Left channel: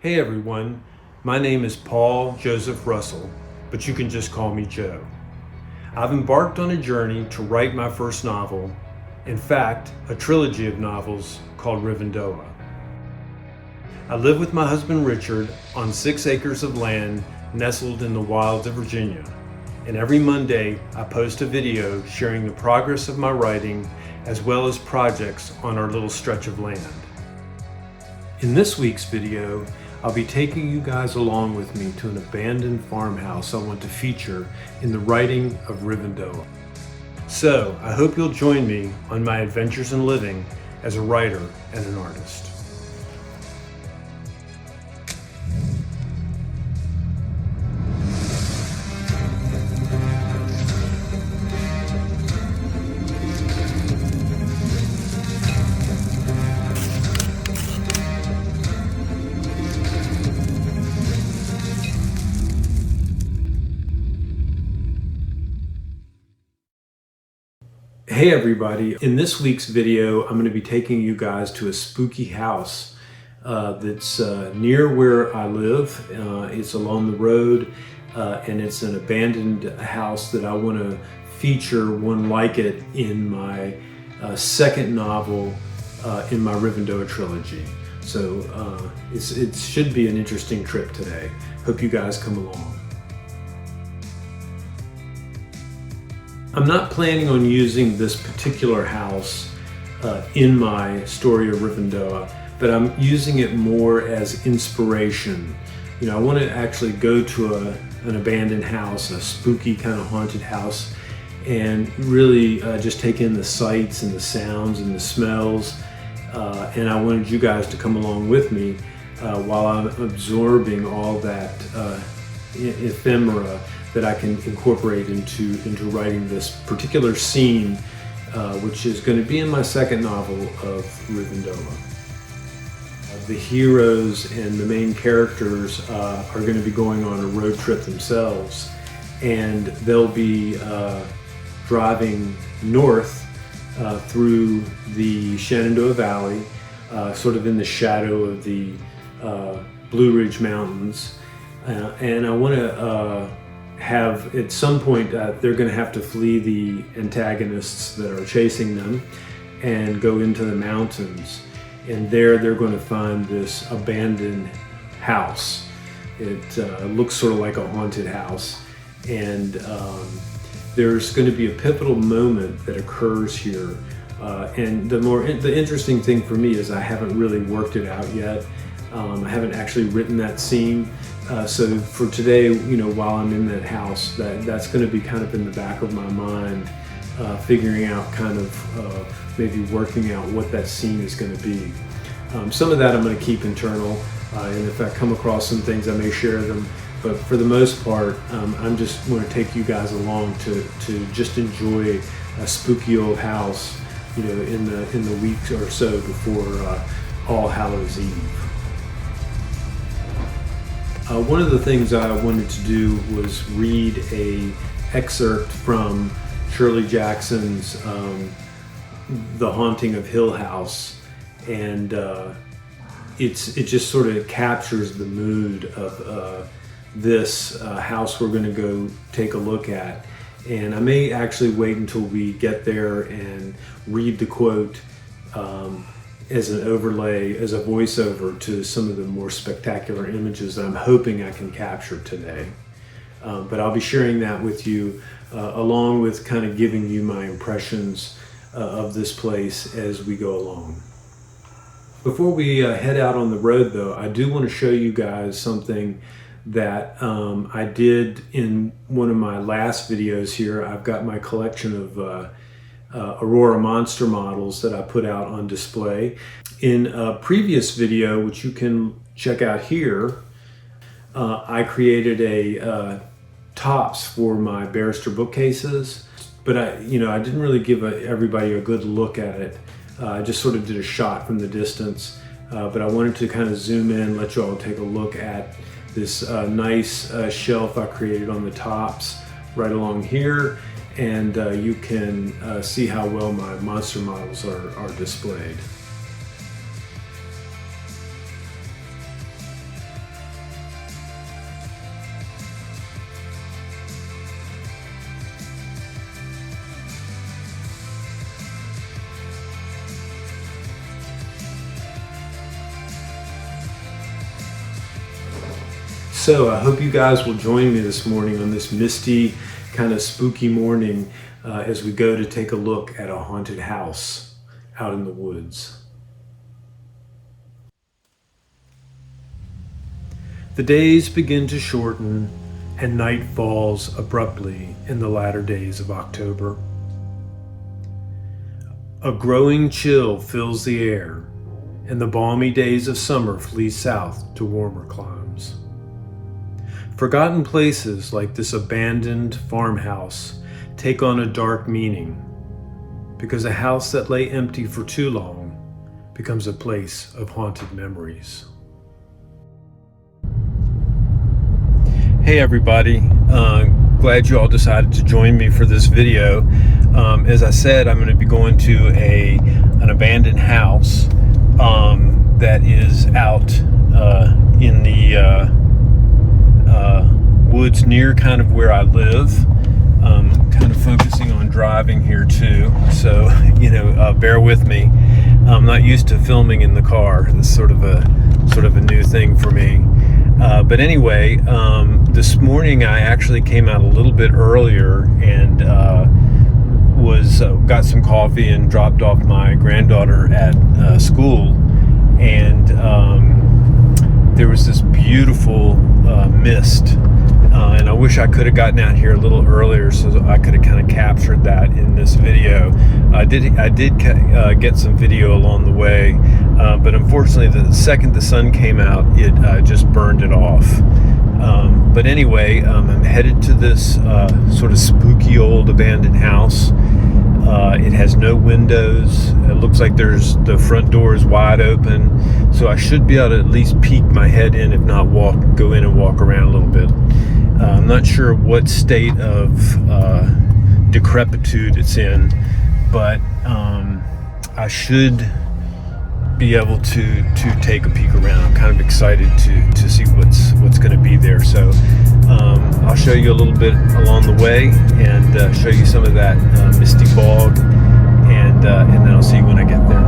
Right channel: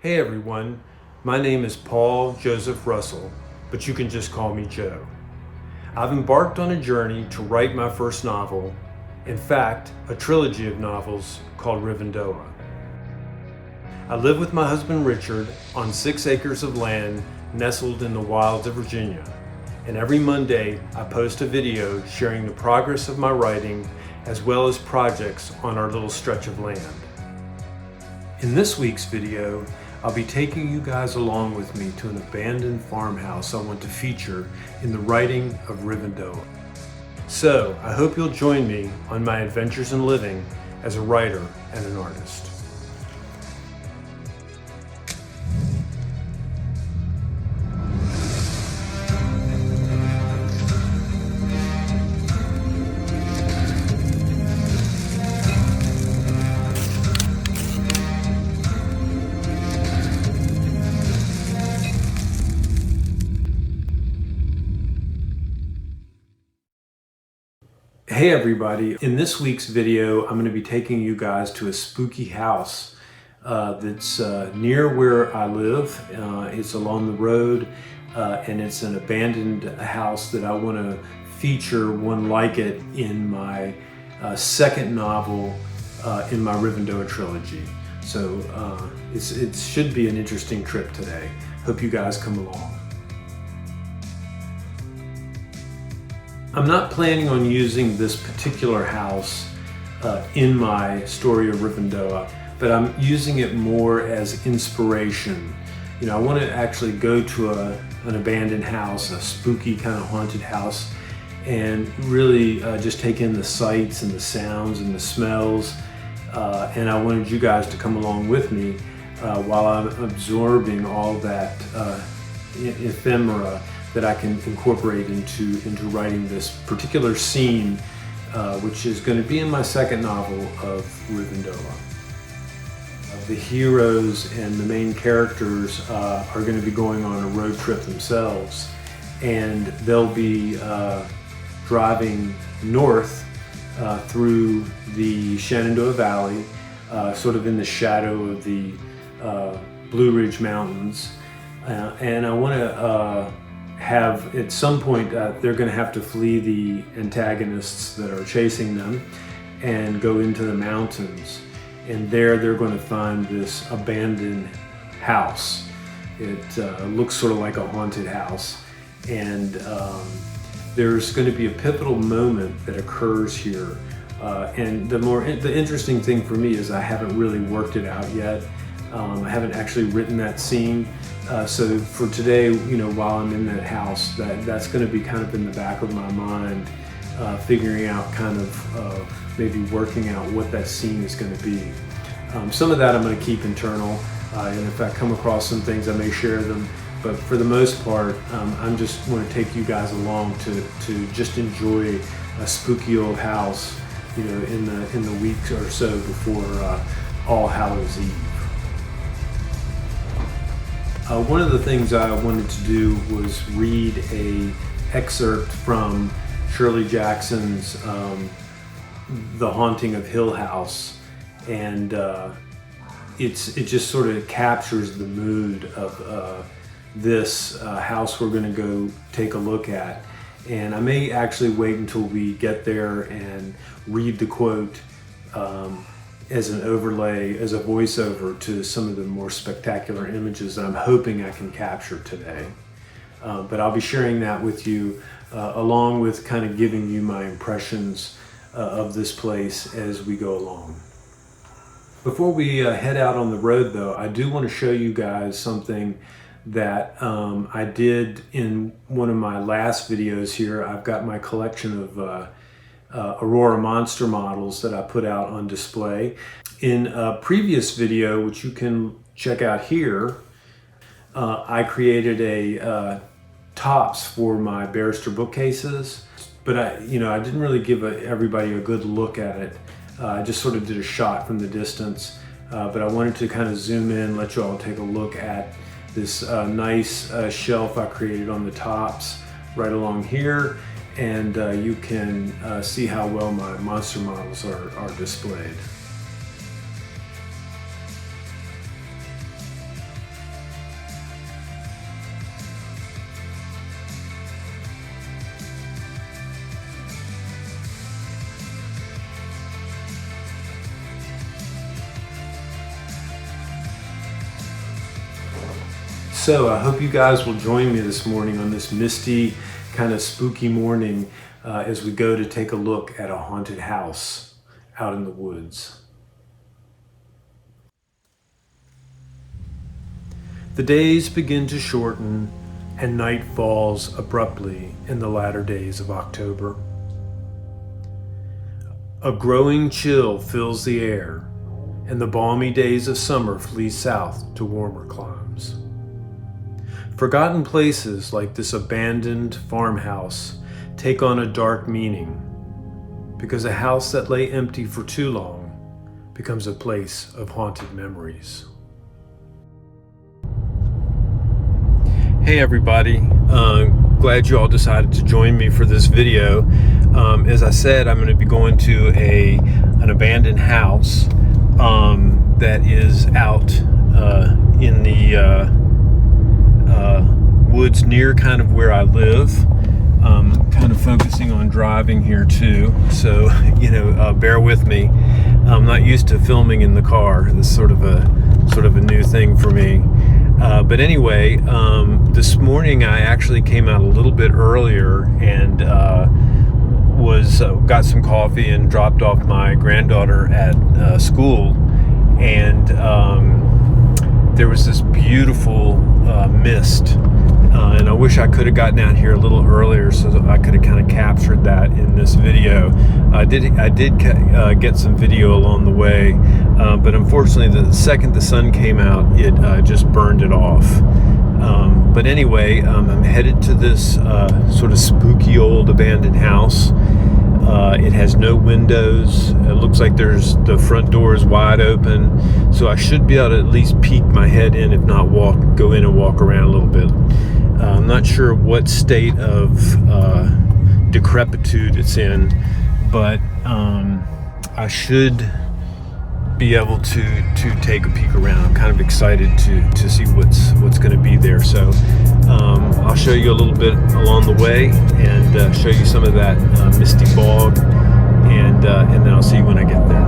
Hey everyone, my name is Paul Joseph Russell, but you can just call me Joe. I've embarked on a journey to write my first novel, in fact, a trilogy of novels called Rivendoah. I live with my husband Richard on 6 acres of land nestled in the wilds of Virginia, and every Monday I post a video sharing the progress of my writing as well as projects on our little stretch of land. In this week's video, I'll be taking you guys along with me to an abandoned farmhouse I want to feature in the writing of Rivendoah. So I hope you'll join me on my adventures in living as a writer and an artist. Hey everybody, in this week's video I'm going to be taking you guys to a spooky house that's near where I live. It's along the road and it's an abandoned house that I want to feature one like it in my second novel in my Rivendoah trilogy. So it should be an interesting trip today. Hope you guys come along. I'm not planning on using this particular house in my story of Rivendoah, but I'm using it more as inspiration. You know, I want to actually go to an abandoned house, a spooky kind of haunted house, and really just take in the sights and the sounds and the smells. And I wanted you guys to come along with me while I'm absorbing all that ephemera that I can incorporate into writing this particular scene, which is going to be in my second novel of Rivendoah. The heroes and the main characters are going to be going on a road trip themselves, and they'll be driving north through the Shenandoah Valley, sort of in the shadow of the Blue Ridge Mountains. And I want to have, at some point, they're going to have to flee the antagonists that are chasing them and go into the mountains. And there they're going to find this abandoned house. It looks sort of like a haunted house. And there's going to be a pivotal moment that occurs here. And the interesting thing for me is I haven't really worked it out yet. I haven't actually written that scene. So for today, you know, while I'm in that house, that's going to be kind of in the back of my mind, figuring out kind of maybe working out what that scene is going to be. Some of that I'm going to keep internal, and if I come across some things, I may share them. But for the most part, I'm just want to take you guys along to just enjoy a spooky old house, you know, in the week or so before All Hallows Eve. One of the things I wanted to do was read an excerpt from Shirley Jackson's The Haunting of Hill House, and it just sort of captures the mood of this house we're going to go take a look at. And I may actually wait until we get there and read the quote as an overlay, as a voiceover to some of the more spectacular images that I'm hoping I can capture today. But I'll be sharing that with you along with kind of giving you my impressions of this place as we go along. Before we head out on the road though, I do want to show you guys something that I did in one of my last videos here. I've got my collection of Aurora Monster Models that I put out on display. In a previous video, which you can check out here, I created a tops for my barrister bookcases, but I didn't really give everybody a good look at it. I just sort of did a shot from the distance, but I wanted to kind of zoom in, let you all take a look at this nice shelf I created on the tops right along here. And you can see how well my monster models are displayed. So I hope you guys will join me this morning on this misty, kind of spooky morning as we go to take a look at a haunted house out in the woods. The days begin to shorten and night falls abruptly in the latter days of October. A growing chill fills the air, and the balmy days of summer flee south to warmer climes. Forgotten places like this abandoned farmhouse take on a dark meaning, because a house that lay empty for too long becomes a place of haunted memories. Hey everybody, glad you all decided to join me for this video. As I said, I'm going to be going to an abandoned house that is out in the woods near kind of where I live. Kind of focusing on driving here too, so bear with me. I'm not used to filming in the car. This is sort of a new thing for me. But anyway, this morning I actually came out a little bit earlier and got some coffee and dropped off my granddaughter at school, and there was this beautiful mist, and I wish I could have gotten out here a little earlier so that I could have kind of captured that in this video. I did get some video along the way, but unfortunately the second the sun came out, it just burned it off. But anyway, I'm headed to this sort of spooky old abandoned house. It has no windows. It looks like the front door is wide open, so I should be able to at least peek my head in, if not go in and walk around a little bit. I'm not sure what state of decrepitude it's in, but I should be able to take a peek around. I'm kind of excited to see what's going to be there. So I'll show you a little bit along the way and show you some of that misty fog, and then I'll see you when I get there.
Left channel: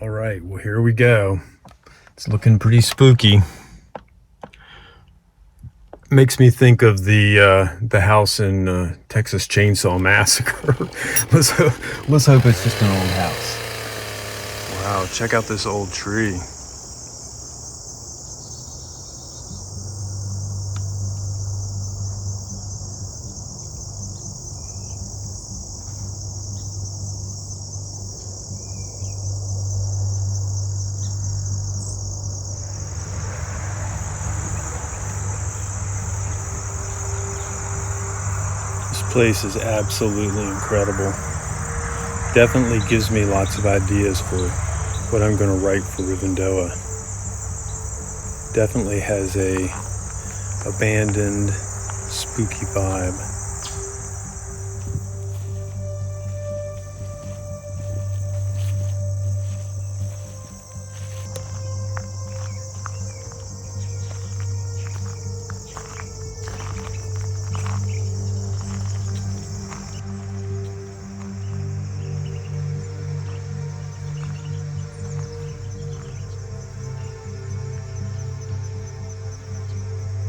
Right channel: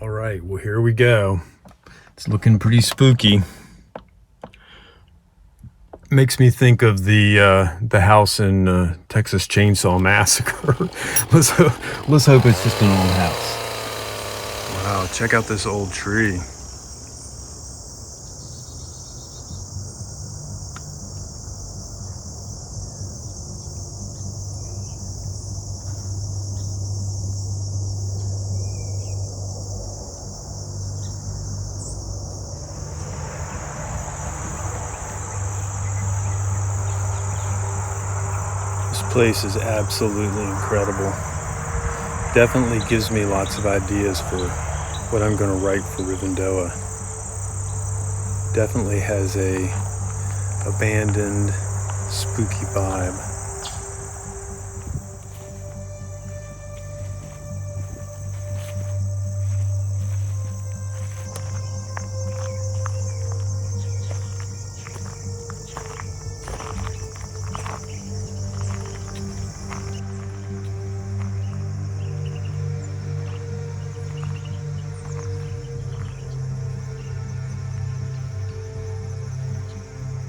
All right, well, here we go. It's looking pretty spooky. Makes me think of the house in Texas Chainsaw Massacre. let's hope it's just an old house. Wow, check out this old tree. This place is absolutely incredible. Definitely gives me lots of ideas for what I'm going to write for Rivendoah. Definitely has a abandoned, spooky vibe.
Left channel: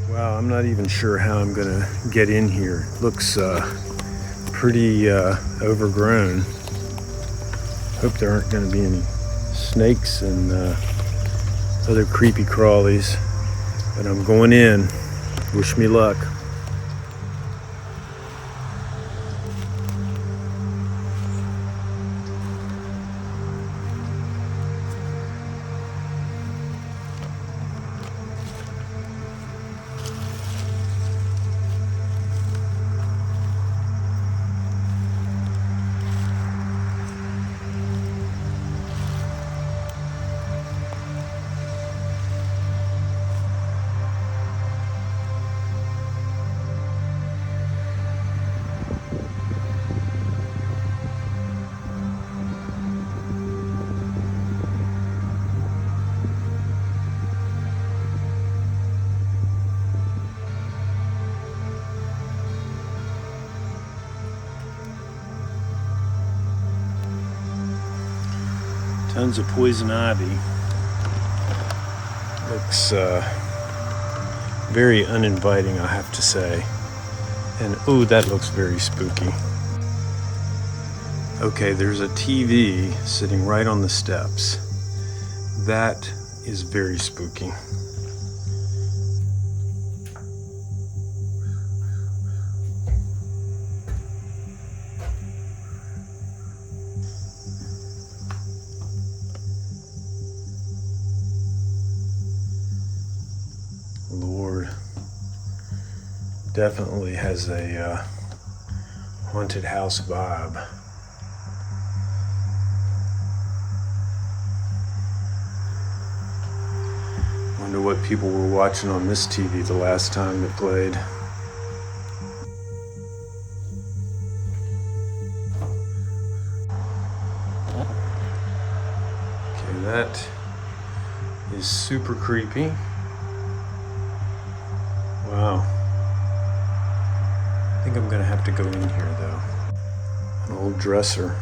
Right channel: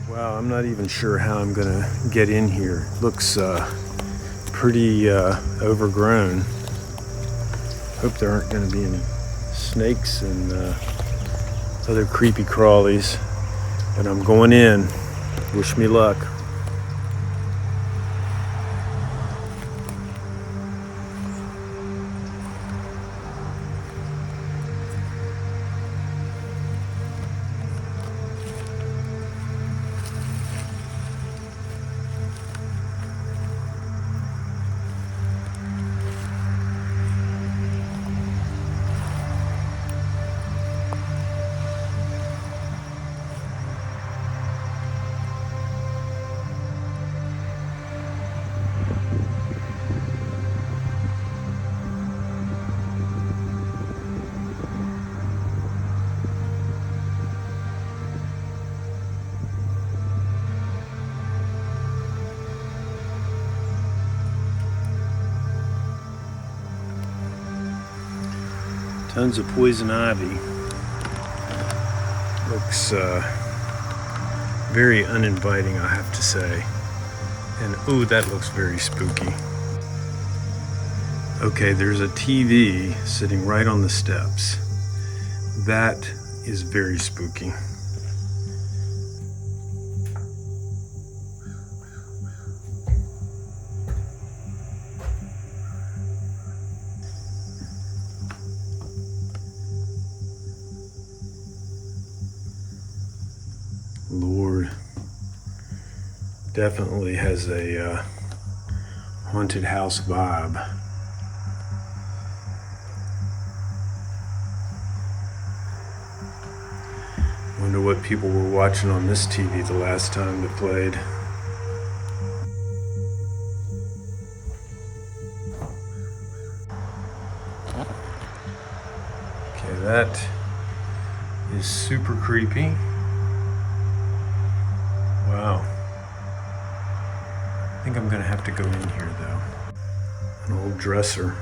Wow, I'm not even sure how I'm gonna get in here. It looks pretty overgrown. Hope there aren't gonna be any snakes and other creepy crawlies. But I'm going in. Wish me luck. Tons of poison ivy. Looks very uninviting, I have to say. And ooh, that looks very spooky. Okay, there's a TV sitting right on the steps. That is very spooky. Lord, definitely has a haunted house vibe. Wonder what people were watching on this TV the last time it played. Okay, that is super creepy. Wow. I think I'm gonna have to go in here though. An old dresser.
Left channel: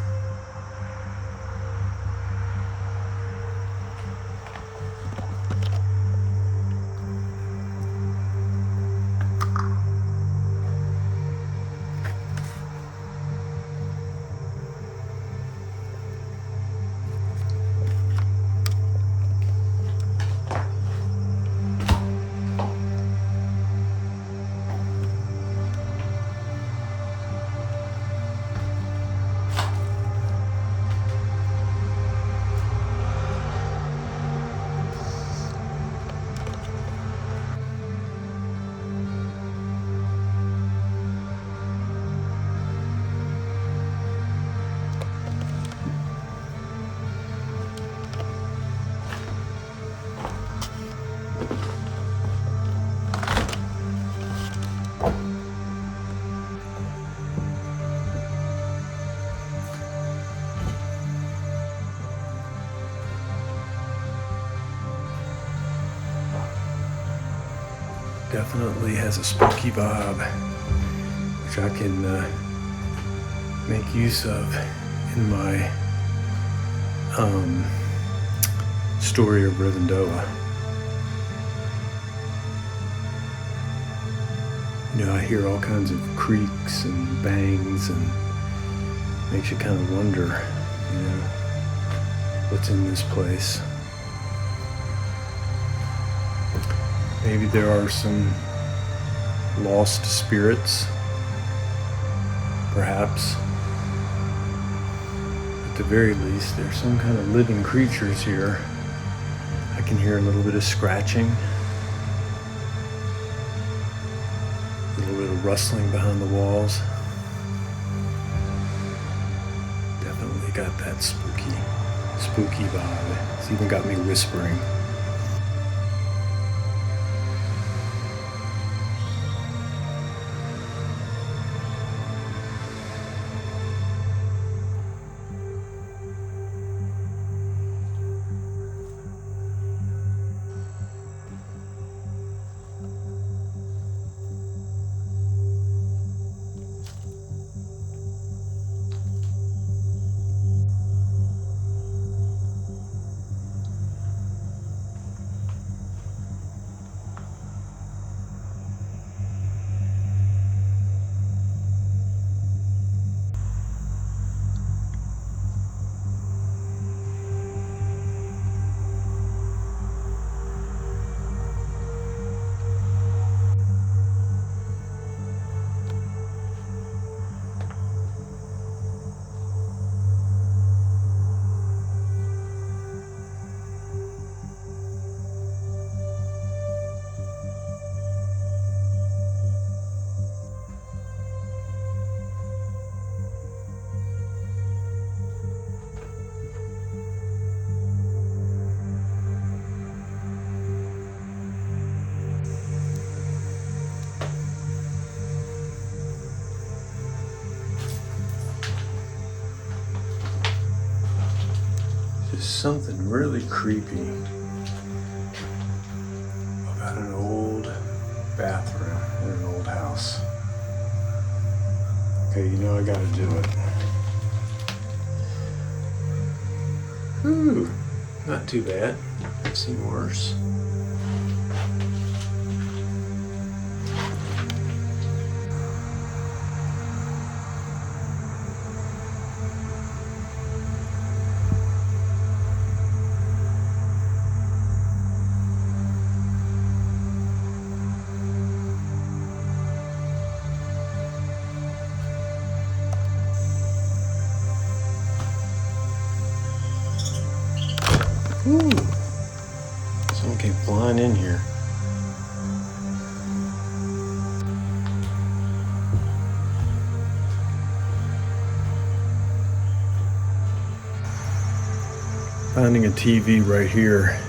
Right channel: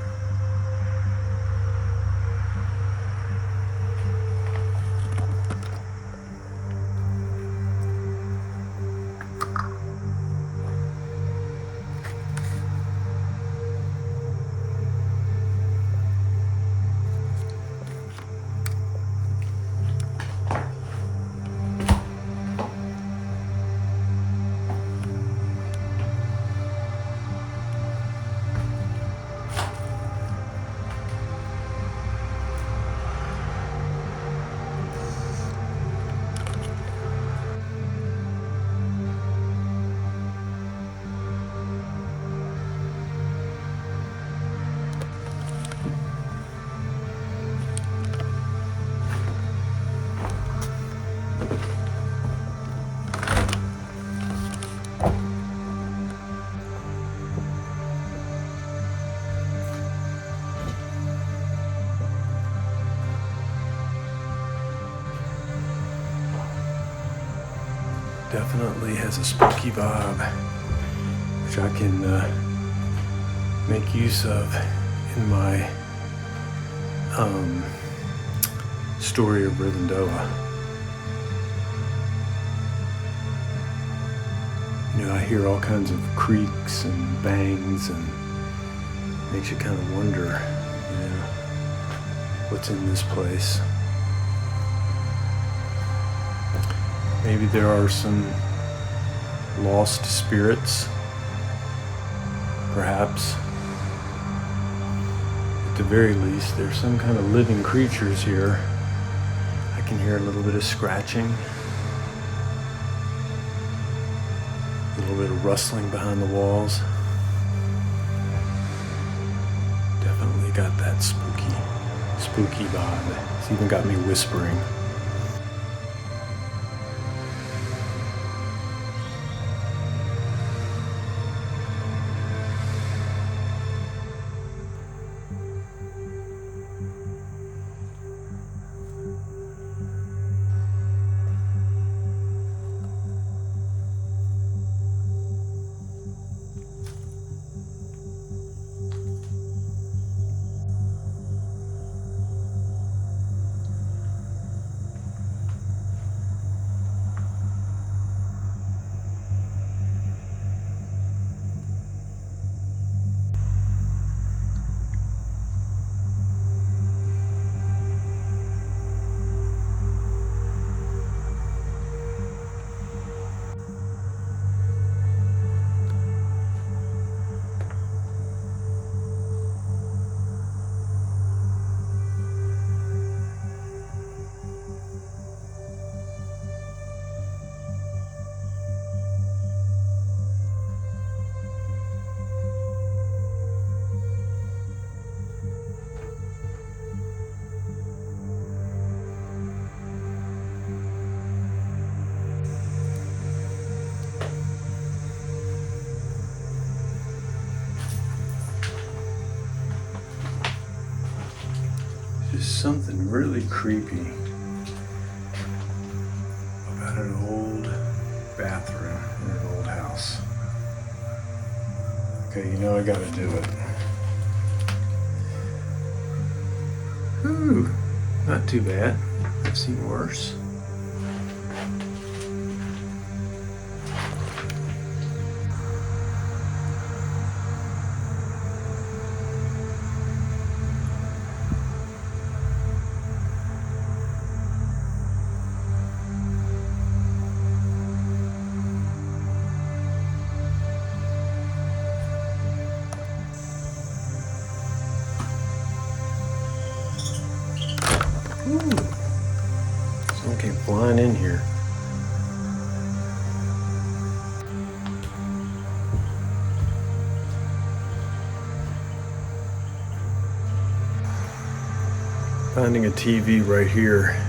Definitely has a spooky vibe, which I can make use of in my story of Rivendoah. You know, I hear all kinds of creaks and bangs, and makes you kind of wonder, you know, what's in this place. Maybe there are some lost spirits, perhaps. At the very least, there's some kind of living creatures here. I can hear a little bit of scratching, a little bit of rustling behind the walls. Definitely got that spooky vibe. It's even got me whispering. There's something really creepy about an old bathroom in an old house. Okay, you know I gotta do it. Whew, not too bad. I've seen worse. Ooh, someone came flying in here. Finding a TV right here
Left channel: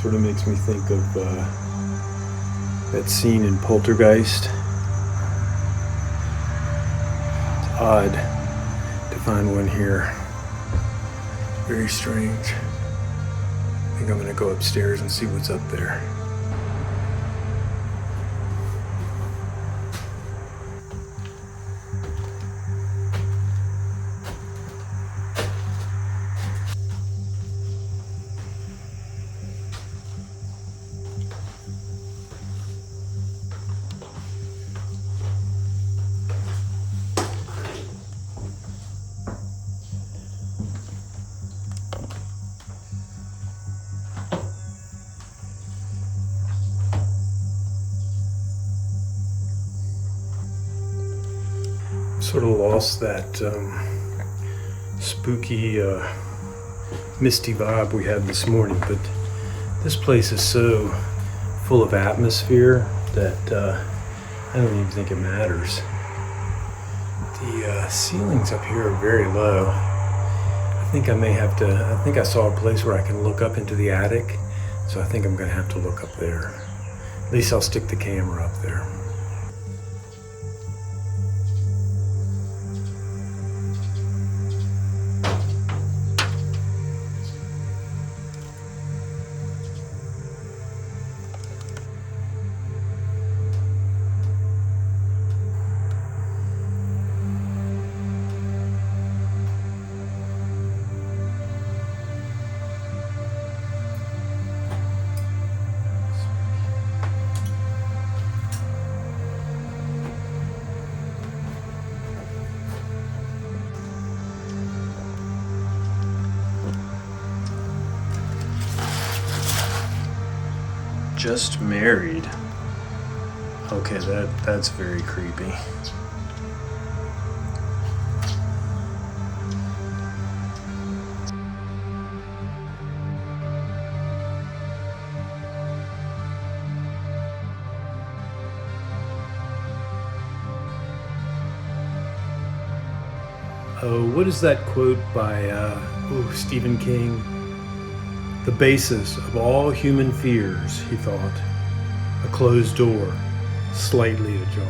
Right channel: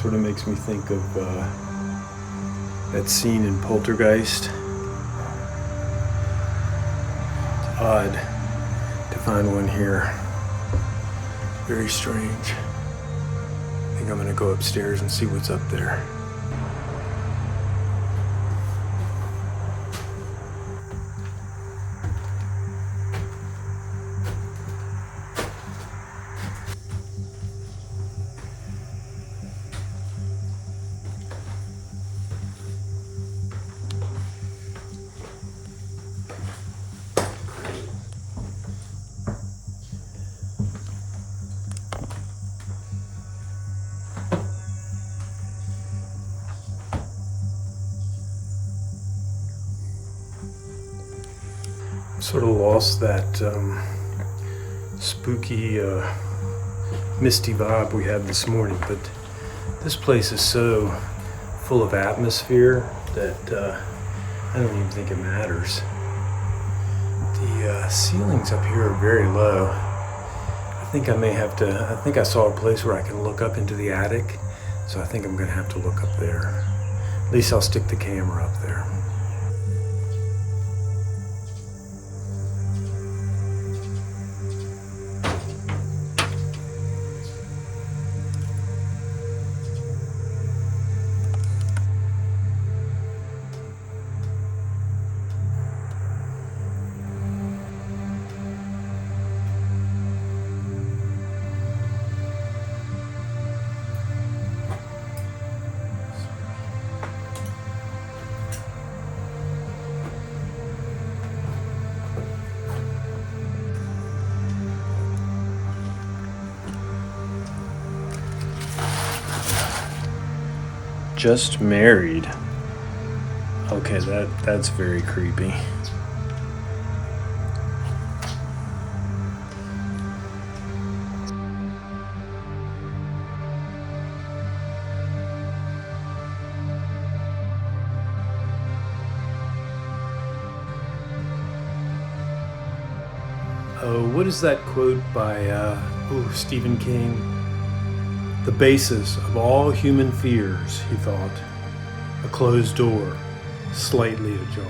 sort of makes me think of that scene in Poltergeist. It's odd to find one here. Very strange. I think I'm gonna go upstairs and see what's up there. Sort of lost that spooky, misty vibe we had this morning, but this place is so full of atmosphere that I don't even think it matters. The ceilings up here are very low. I think I saw a place where I can look up into the attic, so I think I'm gonna have to look up there. At least I'll stick the camera up there. Just married. Okay, that's very creepy. Oh, what is that quote by Stephen King? The basis of all human fears, he thought, a closed door, slightly ajar.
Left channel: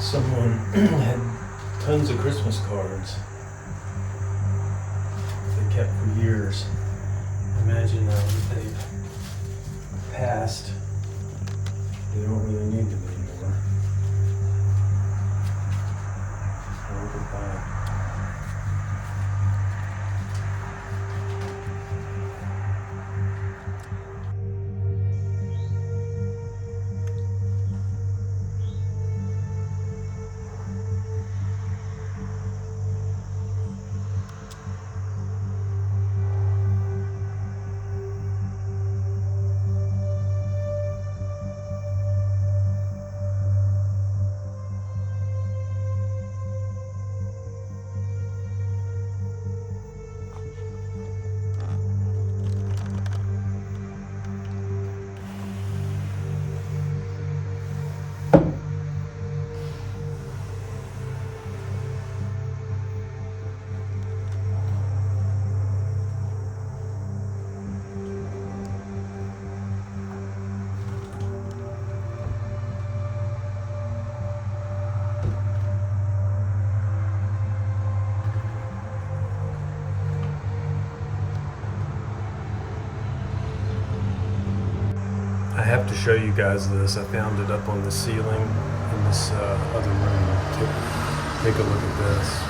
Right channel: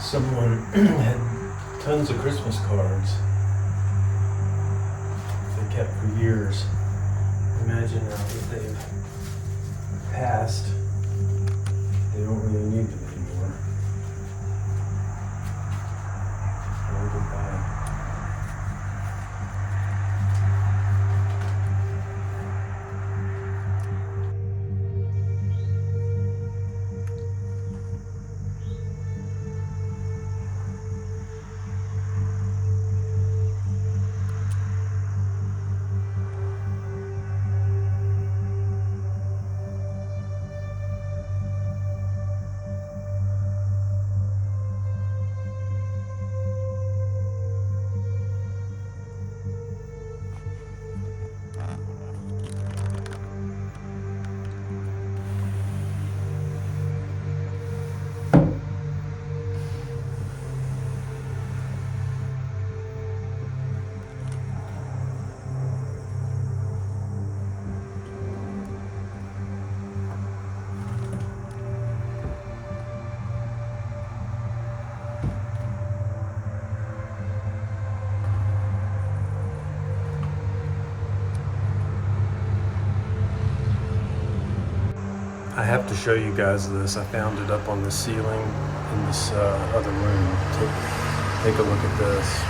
Someone had tons of Christmas cards they kept for years. Imagine now that they've passed, they don't really need them anymore. Or goodbye. I have to show you guys this. I found it up on the ceiling in this other room. Take a look at this.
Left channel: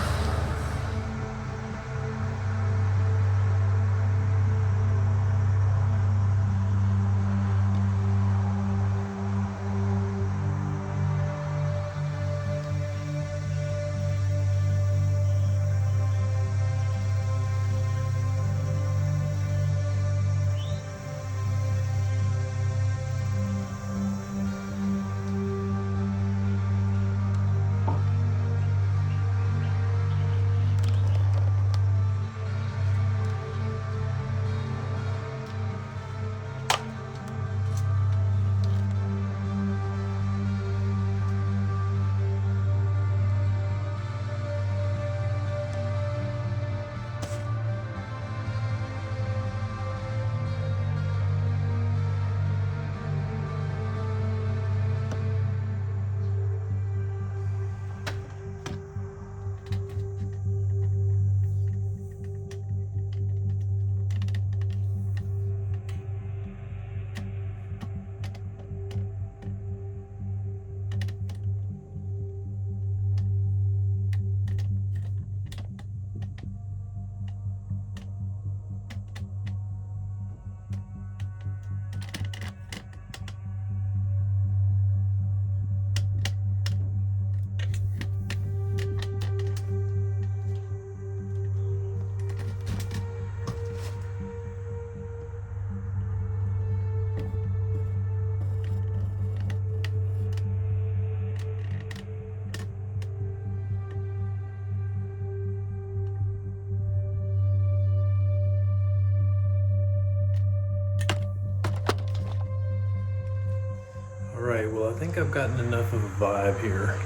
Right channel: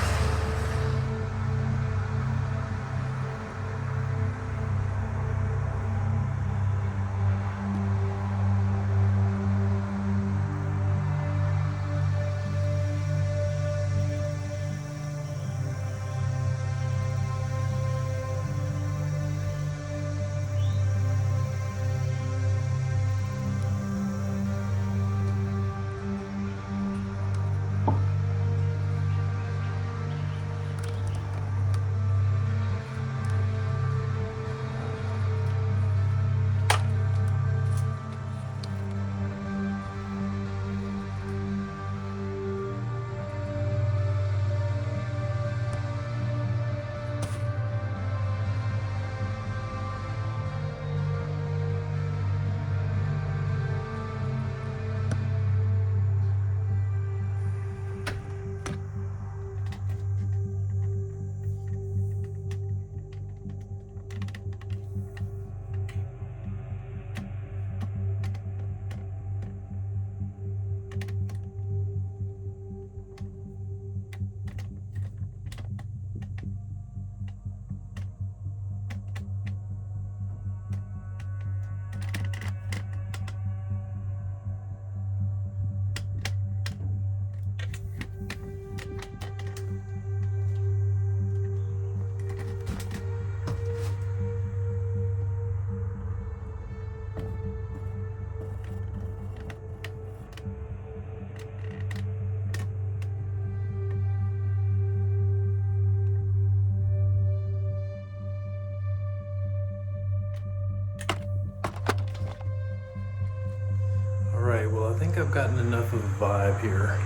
Alright, well I think I've gotten enough of a vibe here.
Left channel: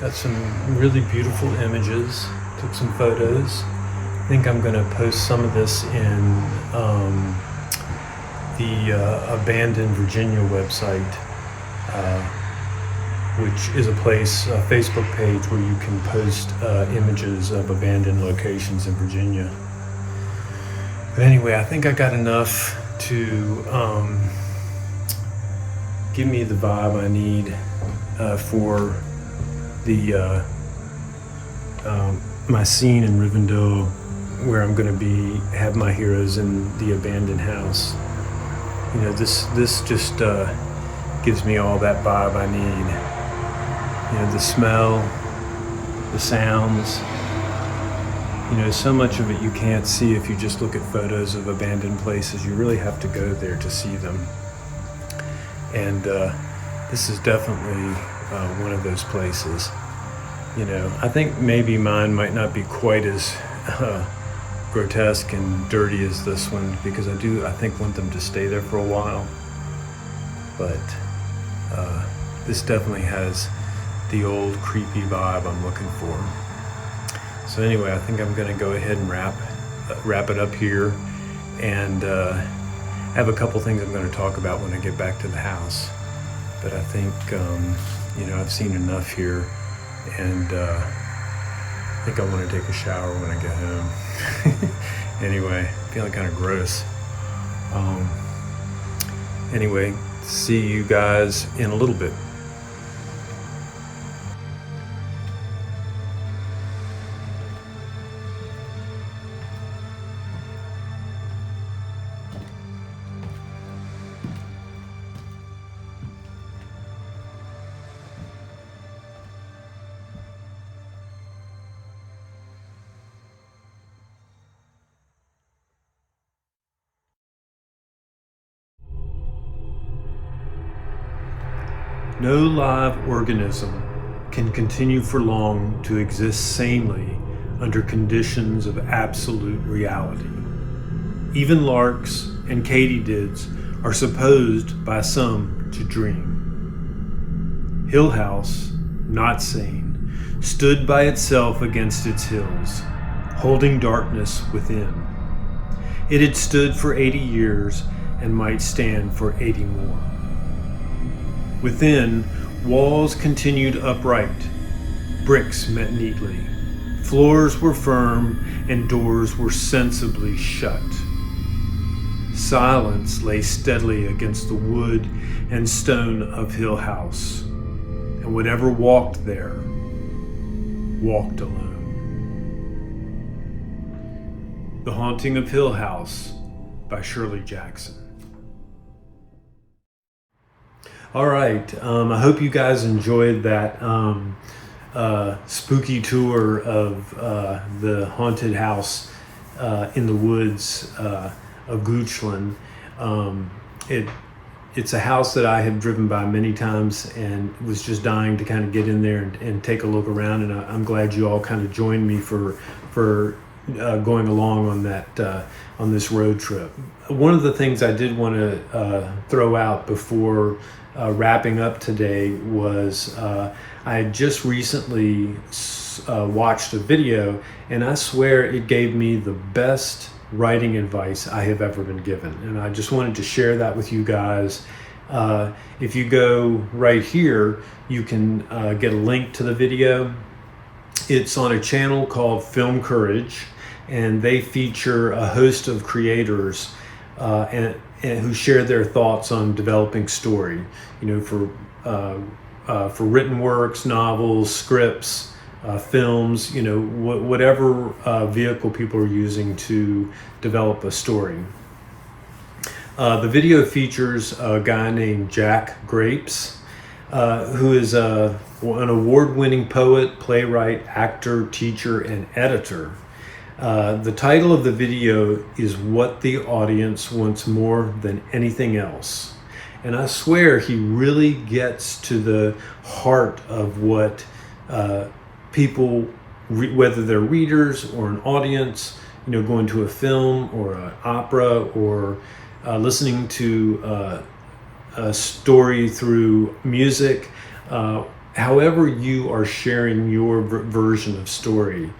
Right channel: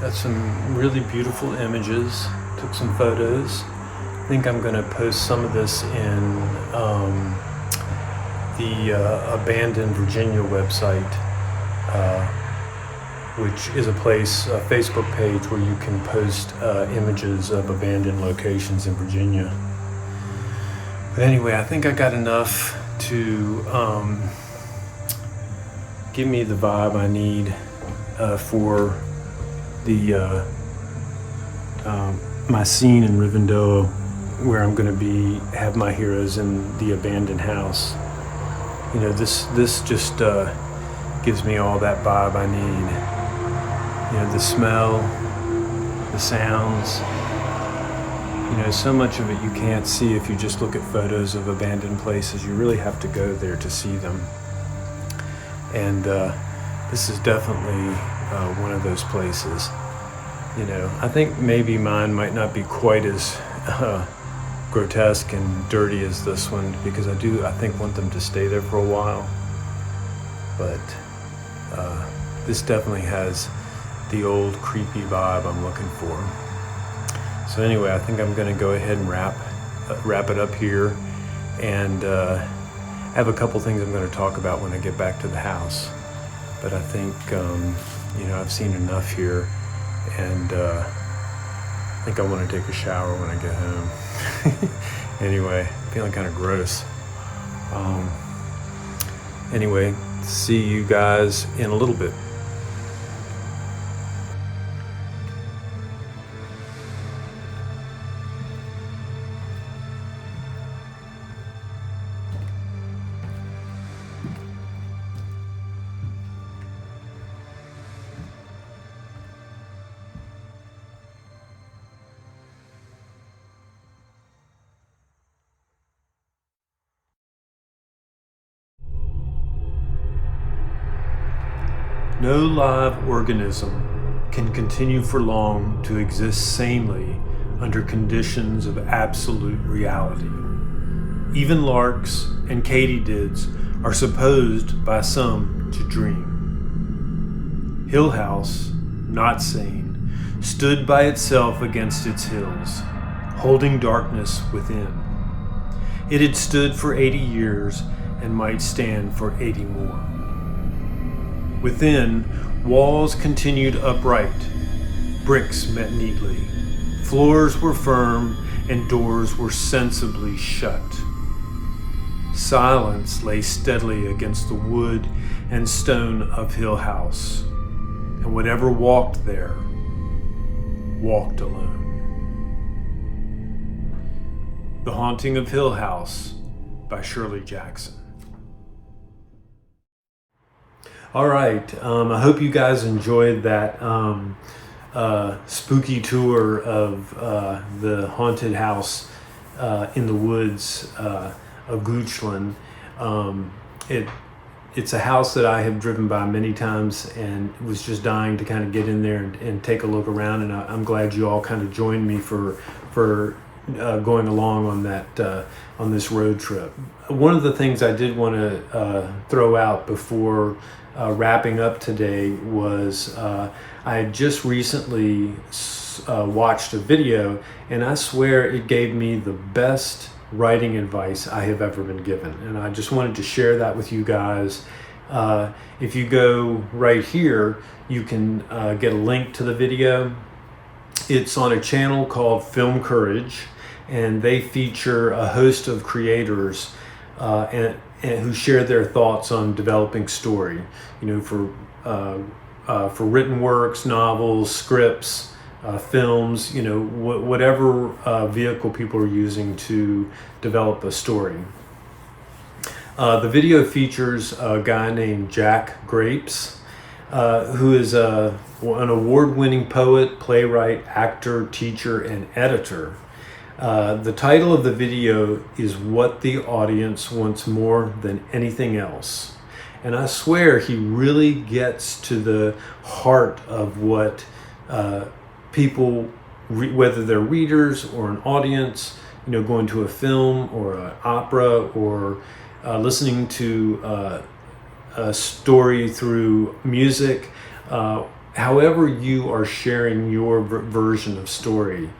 Got some really beautiful images, took some photos. I think I'm going to post some of this in the Abandoned Virginia website, which is a Facebook page where you can post images of abandoned locations in Virginia. But anyway, I think I got enough to give me the vibe I need for the my scene in Rivendoah, where I'm going to have my heroes in the abandoned house. You know, this just gives me all that vibe I need. You know, the smell, the sounds. You know, so much of it you can't see if you just look at photos of abandoned places. You really have to go there to see them. And this is definitely one of those places. You know, I think maybe mine might not be quite as grotesque and dirty as this one, because I think want them to stay there for a while. But this definitely has the old creepy vibe I'm looking for. So anyway, I think I'm going to go ahead and wrap it up here, and have a couple things I'm going to talk about when I get back to the house. But I think you know, I've seen enough here, and I think I want to take a shower when I get home. Anyway, feeling kind of gross. Anyway, see you guys in a little bit. No live organism can continue for long to exist sanely under conditions of absolute reality. Even larks and katydids are supposed by some to dream. Hill House, not sane, stood by itself against its hills, holding darkness within. It had stood for 80 years and might stand for 80 more. Within, walls continued upright, bricks met neatly, floors were firm, and doors were sensibly shut. Silence lay steadily against the wood and stone of Hill House, and whatever walked there, walked alone. The Haunting of Hill House by Shirley Jackson. All right, I hope you guys enjoyed that spooky tour of the haunted house in the woods of Goochland. It's a house that I have driven by many times and was just dying to kind of get in there and take a look around, and I'm glad you all kind of joined me for going along on that on this road trip. One of the things I did want to throw out before wrapping up today was I had just recently watched a video, and I swear it gave me the best writing advice I have ever been given, and I just wanted to share that with you guys. If you go right here, you can get a link to the video. It's on a channel called Film Courage, and they feature a host of creators and who share their thoughts on developing story, you know, for written works, novels, scripts, films, you know, whatever vehicle people are using to develop a story. The video features a guy named Jack Grapes, who is an award-winning poet, playwright, actor, teacher, and editor. The title of the video is What the Audience Wants More Than Anything Else. And I swear he really gets to the heart of what people, whether they're readers or an audience, you know, going to a film or an opera or listening to a story through music, however you are sharing your version of story.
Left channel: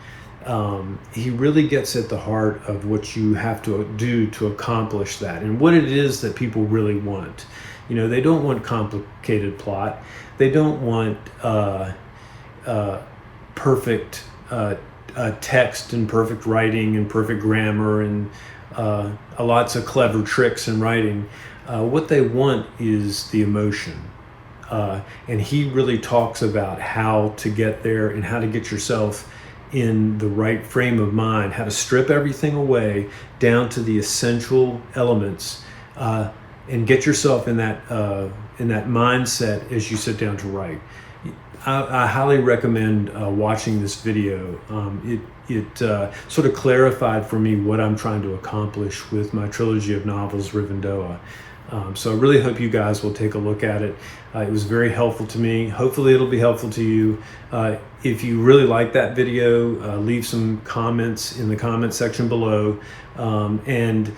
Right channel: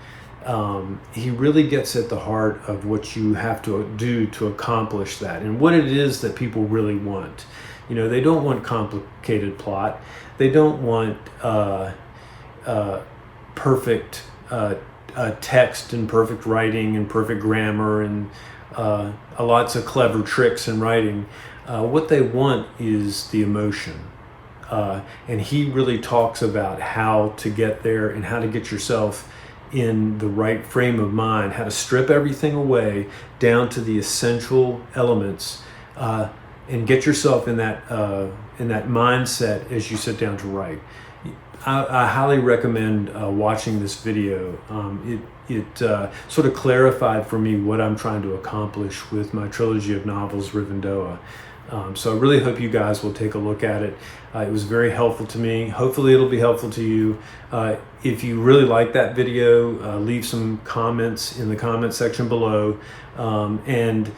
He really gets at the heart of what you have to do to accomplish that and what it is that people really want. You know, they don't want complicated plot. They don't want perfect text and perfect writing and perfect grammar and lots of clever tricks in writing. What they want is the emotion. And he really talks about how to get there and how to get yourself in the right frame of mind, how to strip everything away down to the essential elements, and get yourself in that mindset as you sit down to write. I highly recommend watching this video. It sort of clarified for me what I'm trying to accomplish with my trilogy of novels, Rivendoah. So I really hope you guys will take a look at it. It was very helpful to me. Hopefully it'll be helpful to you. If you really like that video, leave some comments in the comment section below. And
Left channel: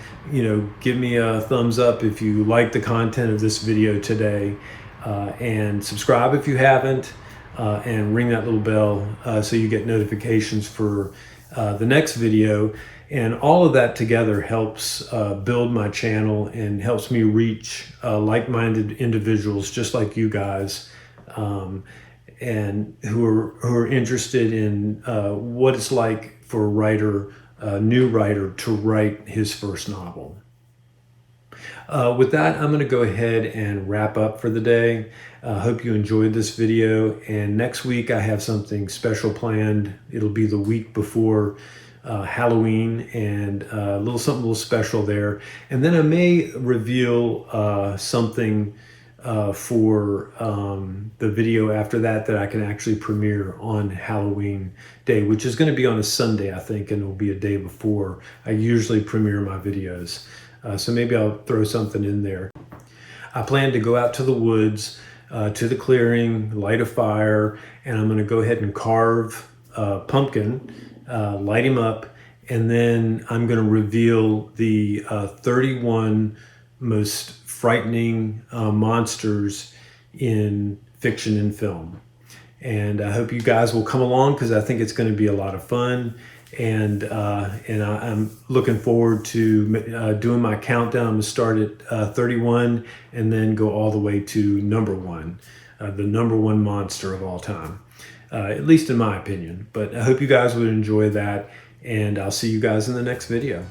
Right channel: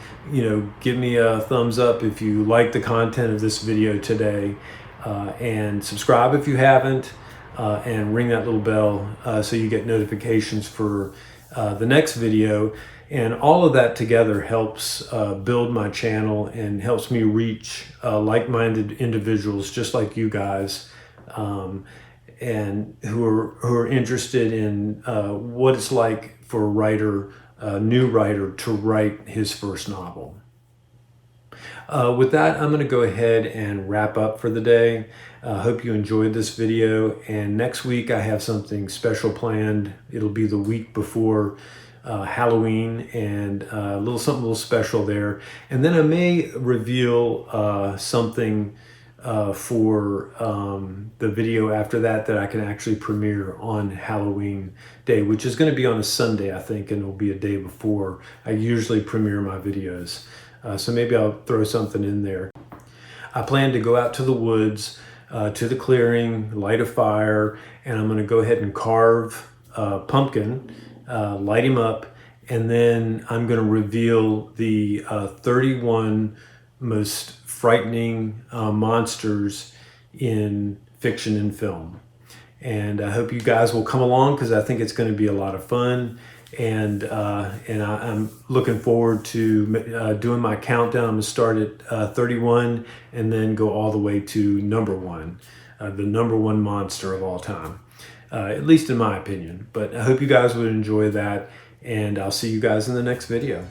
give me a thumbs up if you like the content of this video today. And subscribe if you haven't. And ring that little bell so you get notifications for the next video. And all of that together helps build my channel and helps me reach like-minded individuals just like you guys, and who are interested in what it's like for a writer, a new writer, to write his first novel. With that, I'm going to go ahead and wrap up for the day. Hope you enjoyed this video, and next week I have something special planned. It'll be the week before Halloween, and something a little special there. And then I may reveal something for the video after that I can actually premiere on Halloween day, which is going to be on a Sunday, I think, and it'll be a day before I usually premiere my videos. So maybe I'll throw something in there. I plan to go out to the woods, to the clearing, light a fire, and I'm going to go ahead and carve a pumpkin, light him up, and then I'm going to reveal the 31 most frightening monsters in fiction and film. And I hope you guys will come along, because I think it's going to be a lot of fun. And I'm looking forward to doing my countdown. I'm going to start at 31 and then go all the way to number 1, the number 1 monster of all time, at least in my opinion. But I hope you guys would enjoy that, and I'll see you guys in the next video.